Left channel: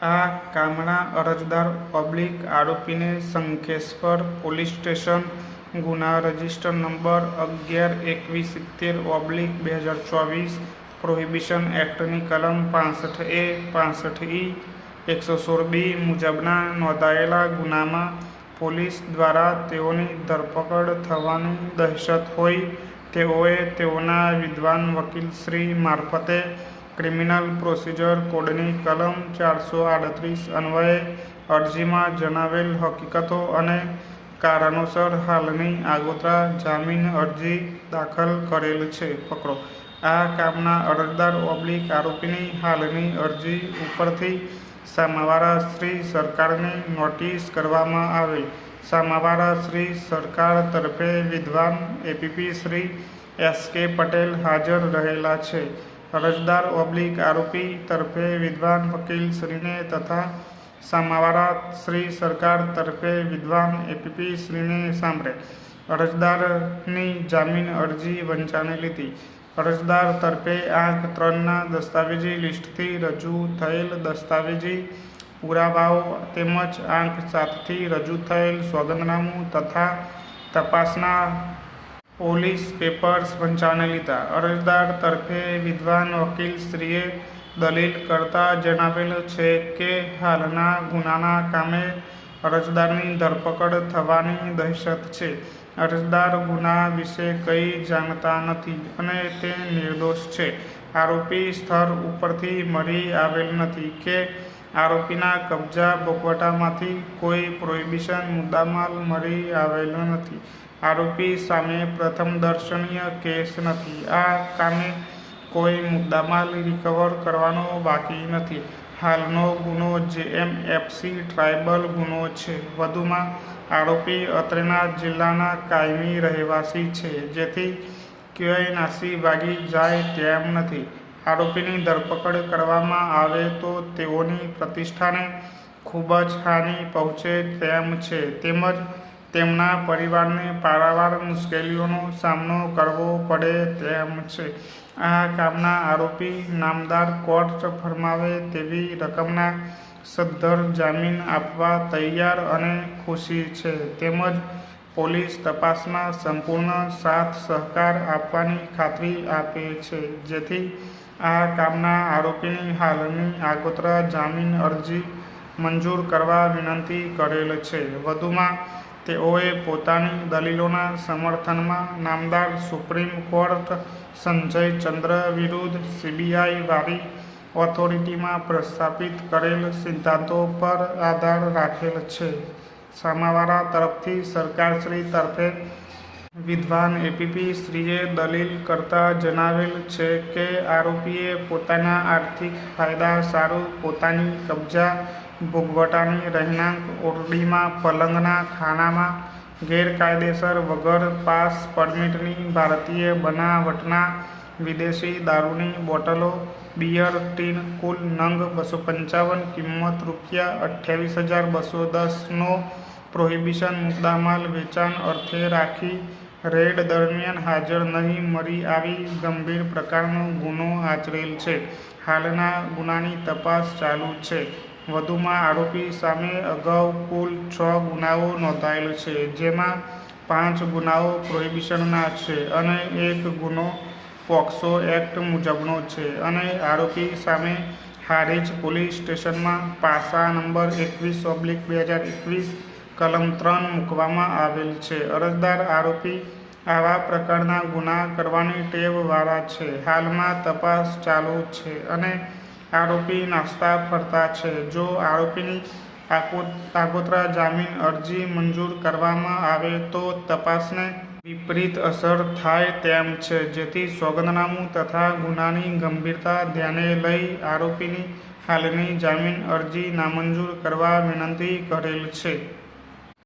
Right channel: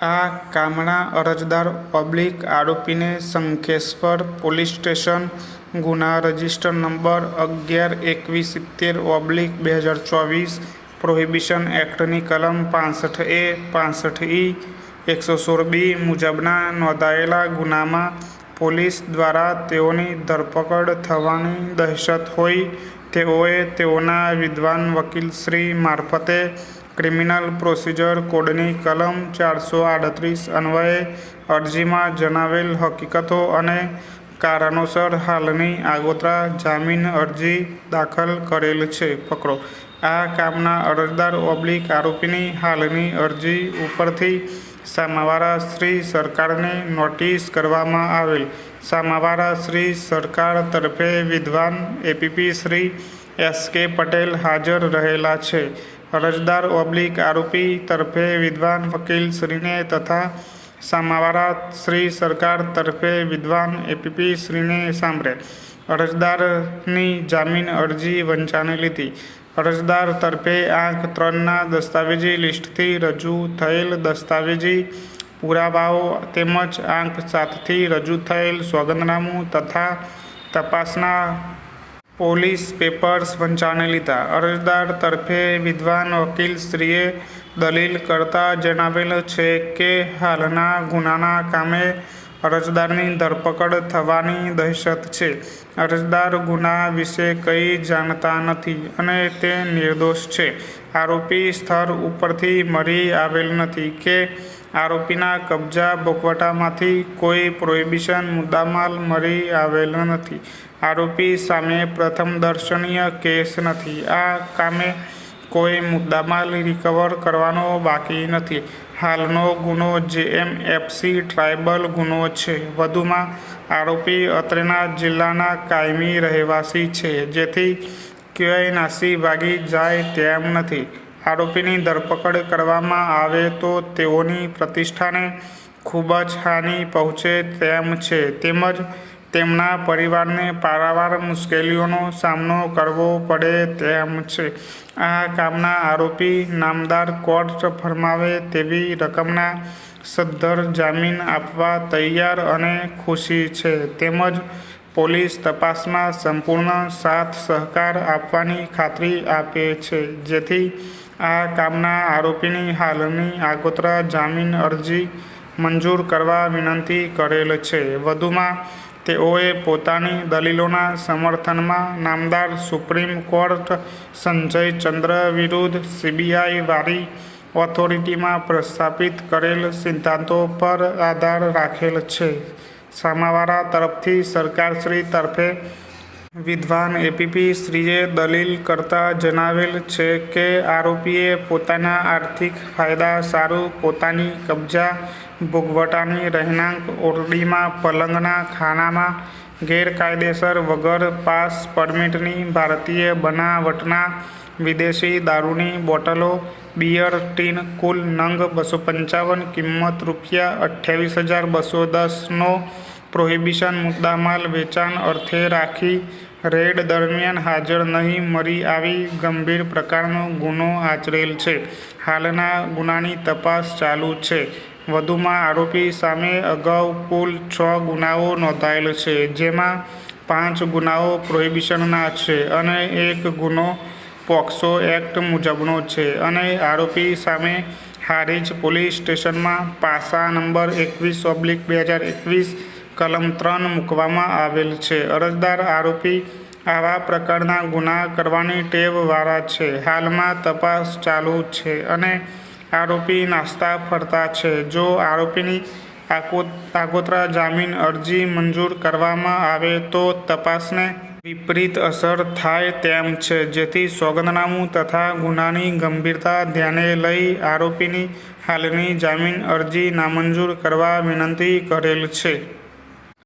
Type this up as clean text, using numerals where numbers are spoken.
આ કામના અરજદાર પબ્લિક આરોપીને શંખેશ્વર પોલીસ સ્ટેશન ગુના રજિસ્ટર નંબર 11-71/2024 પ્રોહિબિશન એક્ટની કલમ 65A, 65E, 116B મુજબના નોંધાયેલા ગુનામાં પોલીસ દ્વારા તેઓની ધરપકડ થવાની દહેશત હોઈ તેઓએ તેઓના વિદ્વાન વકીલશ્રી મારફતે ક્રિમિનલ પ્રોસિજર કોડની કલમ 438 અન્વયે અરજીમાં જણાવેલ હકીકતો અને કારણોસર હાલની આગોતરા જામીન અરજી દાખલ કરેલ છે. પકડો. આ કામના અરજદાર આરોપીની હાલની અરજી ઉપરથી સામાવાળા શ્રી સરકારને નોટિસ કરવામાં આવેલ. સામાવાળા શ્રી સરકાર તરફે વિદ્વાન એપીપી શ્રી એસ.કે. પટેલ હાજર રહેલા છે. અરજદાર આરોપી તરફે વિદ્વાન વકીલશ્રીને તથા સામાવાળા શ્રી સરકાર તરફે વિદ્વાન એપીપી શ્રીને સાંભળે અરજદારની જામીન અરજી વંચાને લીધી. અરજદાર તરફે આંક 3ના દસ્તાવેજી લિસ્ટથી રજૂ થયેલ દસ્તાવેજી પુરાવાઓ તેમજ આંક 7થી રજૂ થયેલ સોગંદનામું તથા તપાસના પોલીસ પેપર્સ વંચાને લીધા. અરજદાર તરફે વિદ્વાન વકીલશ્રીએ દલીલ કરતા જણાવેલ છે કે હાલના ગુનાના કામે અરજદારની ધરપકડ થવાની દહેશત છે. અરજદાર ગુના વિશે કંઈ જાણતા નથી અને તે નિર્દોષ છે. આરોપી સ્થળ ઉપરથી મળી આવેલ નથી કે આરોપીના કબજા ભોગવટામાંથી કોઈ પ્રોહિબિશન મુદ્દામાલ મળી આવેલ નથી. આરોપી સામે પ્રથમ દર્શનીય કેસ નથી. આ કામે કોઈ મુદ્દામાલ રિકવર કરવાનો બાકી નથી. હાલનો ગુનો જેએમએફસી ટ્રાયબલ ગુનો છે. વધુમાં આરોપી અત્રેના જિલ્લાના કાયમી રહેવાસી છે, જેથી ક્યાંય નાસી ભાગી જાય તેમ નથી. આરોપીની ધરપકડ કરવામાં આવે તો તેઓની પ્રતિષ્ઠાને ખૂબ જ હાનિ પહોંચે તેમ છે તેમજ તેમના પરિવારને પારાવાર મુશ્કેલીઓનો સામનો કરવો પડે તેમ છે. આ કામના આરોપી નામદાર કોર્ટ ફરમાવે તેવી રકમના સદ્ધર જામીન આપવા તૈયાર અને ખુશી છે તેમજ પોલીસ તપાસમાં સંપૂર્ણ સાથ સહકાર આપવાની ખાતરી આપે છે, જેથી આ કામના આરોપીની હાલની આગોતરા જામીન અરજી મંજૂર કરવા વિનંતી કરેલ છે. વધુમાં તેઓએ પોતાની દલીલોના સમર્થનમાં નામદાર સુપ્રીમ કોર્ટ સંજય ચંદ્ર વિરુદ્ધ સીબીઆઈ વારી ઓથોરિટીમાં પ્રસ્થાપિત કરેલ સિદ્ધાંતો પર આધાર રાખેલ છે. સામાવાળા તરફથી સરકારશ્રી તરફે વિદ્વાન એપીપી શ્રીએ દલીલ કરતા જણાવેલ છે કે આરોપીએ પોતાના આર્થિક ફાયદા સારું પોતાની કબજા ભોગવટાની રહેણાંક ઓરડીમાં પલંગના ખાનામાં ગેરકાયદેસર વગર પાસ પરમિટની ભારતીય બનાવટના વિદેશી દારૂની બોટલો, બિયર ટીન કુલ નંગ 255 કિંમત ₹28,210નો પ્રોહિબિશન મુદ્દામાલ વેચાણ અર્થે રાખી રેડ દરમિયાન હાજર નહીં મળી આવી ગંભીર પ્રકારનો ગુનો આચરેલ છે. હાલના ગુનાની તપાસ ચાલુ છે. વધુમાં આરોપી સામે અગાઉ કુલ 6 ગુનાઓ નોંધાયેલ છે, જેમાં 5 ગુનાઓ પ્રોહિબિશનના છે અને 1 ગુનો પોક્સો એક્ટ મુજબનો છે અને આરોપી સામે હારીજ પોલીસ સ્ટેશનમાં પાસા નંબર 21/2021 કલમ 3 મૂકવામાં આવેલ છે. અરજદાર આરોપી આવા પ્રકારના ગુના કરવાની ટેવ વાળા છે. હાલમાં તપાસ ચાલુ છે અને આરોપી નાસ્તા ફરતા છે. જો આરોપીની આગોતરા જામીન અરજી મંજૂર કરવામાં આવે તો તપાસને વિપરીત અસર થાય તેમ છે, જેથી સોગંદનામું તથા ગુનાની ગંભીરતા ધ્યાને લઈ આરોપીની હાલની જામીન અરજી નામંજૂર કરવા વિનંતી કરેલ છે.